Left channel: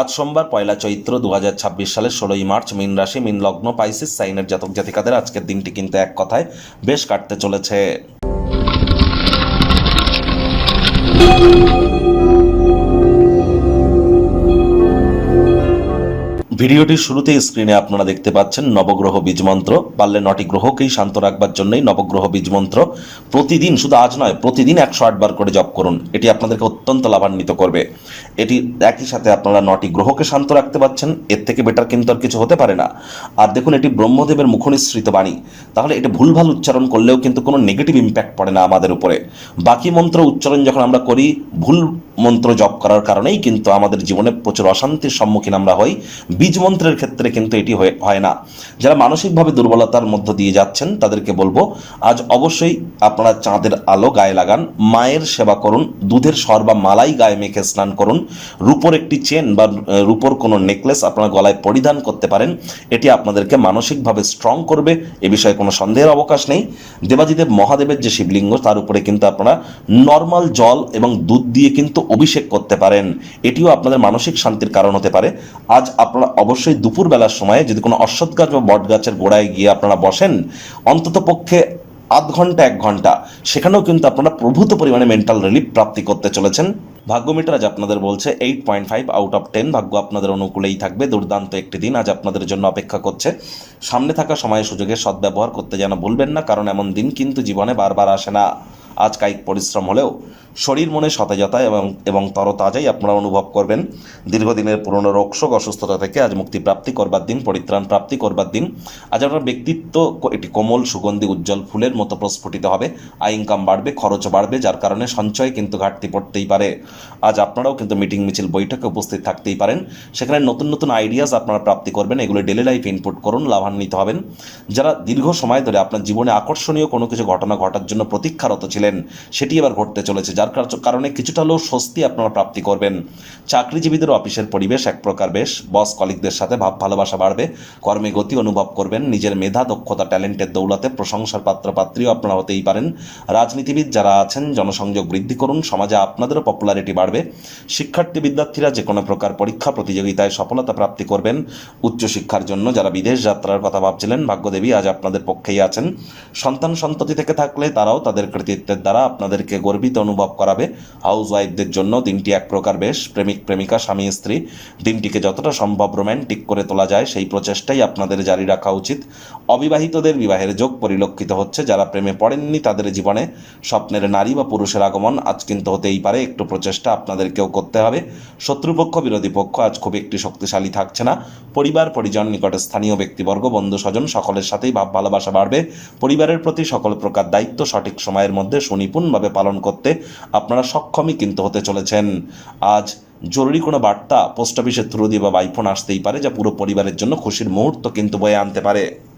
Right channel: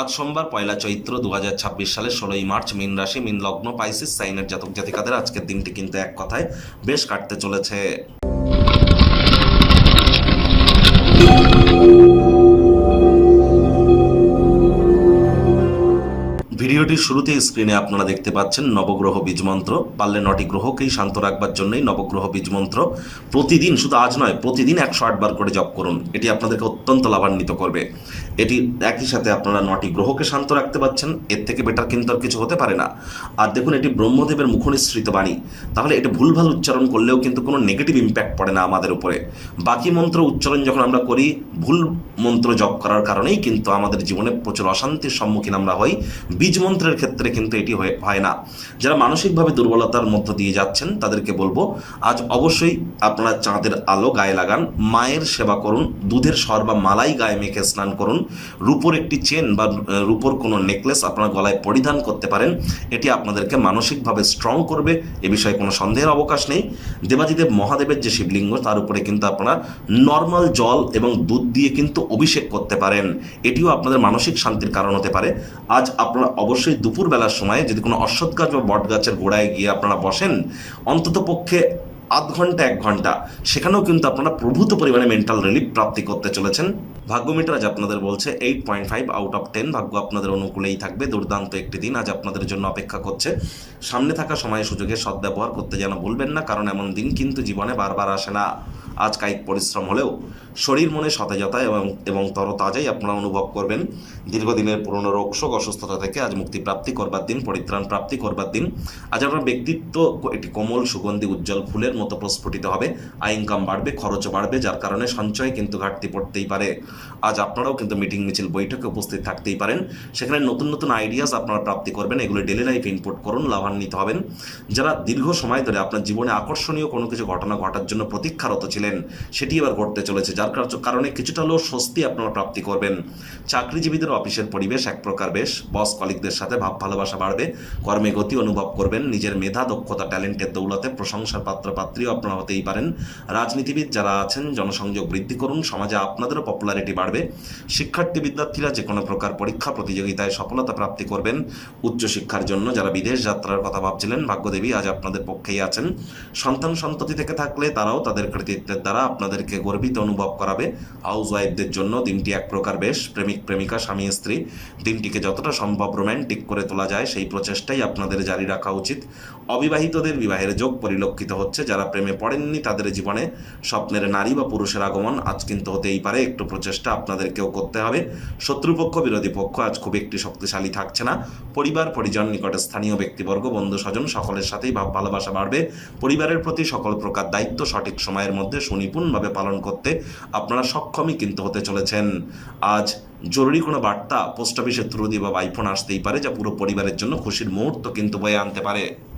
আজ সোমবার পয়লা চৈত্র 2026 সালের 16ই মার্চ মীন রাশি মীন লগ্ন পাইসিস সাইনের জাতক জাতিকাদের আজকের দিনটি কিন্তু এক কথায় বেশ কাটতে চলেছে। ভিডিওটির শুরুতেই স্ক্রিনে আপনারা দেখতে পাচ্ছেন নবগ্রহ বীজমন্ত্র। পারলে 9টি গ্রহকেই শান্ত রাখবার জন্যই নবগ্রহ বীজমন্ত্র প্রতিদিন, শুধু আজ নয়, প্রতিদিন 108 বার করে জপ করুন। এটি আপনাদেরকে অত্যন্ত লাভান্বিত করবে। এটি একই সাথে আপনারা 9টি গ্রহকে শান্ত রাখতে পারছেন, এর থেকে বেটার কিন্তু আর কিছু হতে পারে না। আর দেখুন, এটি ব্রহ্মদেবের মুখনিসৃত বাণী, তাহলে এটা ভুলভাল উচ্চারণ করলেও কিন্তু কোনো নেগেটিভ ইম্প্যাক্ট পড়ে না আমাদের উপরে। বাকি মন্ত্র উচ্চারণ যখন আমরা করি, ভুল মন্ত্র জপ করার কারণেই কিন্তু আমাদের জীবনে প্রচুর অশান্তির সম্মুখীন আমরা হই। বীজ মন্ত্রের ক্ষেত্রে কিন্তু এটি হয় না। যারা মানসিকভাবে দুর্বলতার মধ্য দিয়ে যাচ্ছেন তাদেরকে বলবো, আজ অবশ্যই আপনারা চাঁদের আলো গায়ে লাগান, মায়ের সেবা করুন, দুধের সর বা মালাই গায়ে মেখে স্নান করুন, রূপোর একটি চেন বা রূপোর কোনো নেকলেস আপনারা গলায় পরিধান করতে পারেন। এটি আপনাদেরকে মানসিকভাবে স্ট্রং করবে, এ বিষয়ে কোনো সন্দেহের অবকাশ নেই। দেবাদিদেব মহাদেবের যে শিবলিঙ্গ, তার উপরে কিন্তু আপনারা নর্মাল জল এবং দুধ দিয়ে কিন্তু অভিষেক করতে পারেন। এটিও আপনাদের মানসিক শান্তির কারণ হতে পারে। আজ আপনারা অবশ্যই দুপুরবেলার সময়ে যদি কোনো অশ্বত্থ গাছ বা বট গাছের গোড়ায় গিয়ে আপনারা বসেন, অন্তত পক্ষে আধ ঘন্টা 1 ঘন্টা, সেখানেও কিন্তু আপনারা প্রভূত পরিমাণে মেন্টাল রিলিফ প্রাপ্তি করতে চলেছেন। ভাগ্য মিটার আজ আপনাদের বলছে 8.5 আউট অফ 10। ভাগ্য আপনাদের অনুকূলেই থাকবে। দুর্দান্ত একটি দিন আজ আপনাদের জন্য অপেক্ষা করছে। সামনে থাকা সময় সুযোগের সদ্ব্যবহার করতে যেন ভুলবেন না, কারণ এমন দিন কিন্তু জীবনে বারবার আসে না। আজ কায়িক পরিশ্রম হলেও শরীর মনে সতেজতা এবং তরতাজাই আপনারা অনুভব করবেন। দীর্ঘদিনের পুরনো রোগশোক অসুস্থতা থেকে আজ মুক্তিপ্রাপ্তি করবার দিন, পরিত্রাণ প্রাপ্তি করবার দিন। আজ আপনার ব্যক্তিত্ব একটি কোমল সুগন্ধি উজ্জ্বল ফুলের মতো প্রস্ফুটিত হবে। আয় ইনকাম বাড়বে, খরচ বাড়বে, যার কারণে সঞ্চয় কিন্তু ঘাটতি পড়তেই পারে। আজ আপনারাও কিন্তু মিটিং মিছিল বৈঠকে উপস্থিত থাকতেই পারেন। সেখানে নতুন নতুন আইডিয়াস আপনারা প্রাপ্তি করবেন, এগুলো ডেলি লাইফ ইনপুট করুন, লাভান্বিত হবেন। যারা দীর্ঘ সময় ধরে আপনার জীবনে আকর্ষণীয় কোনো কিছু ঘটনা ঘটার জন্য প্রতীক্ষারত ছিলেন, সেটি এবার ঘটতে চলেছে, যার কারণে কিছুটা হলেও স্বস্তি আপনারা প্রাপ্তি করবেন। চাকরিজীবীদের অফিসের পরিবেশ এক প্রকার বেশ, বস কলিগদের সাথে ভাব ভালোবাসা বাড়বে, কর্মে গতি অনুভব করবেন, নিজের মেধা দক্ষতা ট্যালেন্টের দৌলতে প্রশংসার পাত্রপাত্রীও আপনারা হতেই পারেন। রাজনীতিবিদ যারা আছেন, জনসংযোগ বৃদ্ধি করুন, সমাজে আপনাদেরও পপুলারিটি বাড়বে। শিক্ষার্থী বিদ্যার্থীরা যে কোনো প্রকার পরীক্ষা প্রতিযোগিতায় সফলতা প্রাপ্তি করবেন। উচ্চশিক্ষার জন্য যারা বিদেশ যাত্রার কথা ভাবছিলেন, ভাগ্যদেবী আজ আপনাদের পক্ষেই আছেন। সন্তান সন্ততি থেকে থাকলে তারাও তাদের কৃতিত্বের দ্বারা আপনাদেরকে গর্বিত অনুভব করাবে। হাউস ওয়াইফদের জন্য দিনটি এক প্রকার বেশ। প্রেমিক প্রেমিকা স্বামী স্ত্রী দিনটিকে যতটা সম্ভব রোম্যান্টিক করে তোলা যায় সেই প্রচেষ্টাই আপনাদের জারি রাখা উচিত। অবিবাহিতদের বিবাহের যোগ পরিলক্ষিত হচ্ছে। যারা প্রেমে পড়েননি তাদের জীবনে স্বপ্নের নারী বা পুরুষের আগমন আজ কিন্তু হতেই পারে। একটু প্রচেষ্টা আপনাদেরকেও করতে হবে। শত্রুপক্ষ বিরোধী পক্ষ আজ খুব একটি শক্তিশালী থাকছে না। পরিবার পরিজন নিকটে স্থানীয় ব্যক্তিবর্গ বন্ধু স্বজন সকলের সাথেই ভাব ভালোবাসা বাড়বে। পরিবারের প্রতি সকল প্রকার দায়িত্ব সঠিক সময়ের মধ্যে সুনিপুণভাবে পালন করতে আপনারা সক্ষমই কিন্তু হতে চলেছেন। আজ জরুরি কোনো বার্তা পোস্ট অফিসের থ্রু দিয়ে বা বাইফোন আসতেই পারে, যা পুরো পরিবারের জন্য খুশির মুহূর্ত কিন্তু বয়ে আনতে পারে।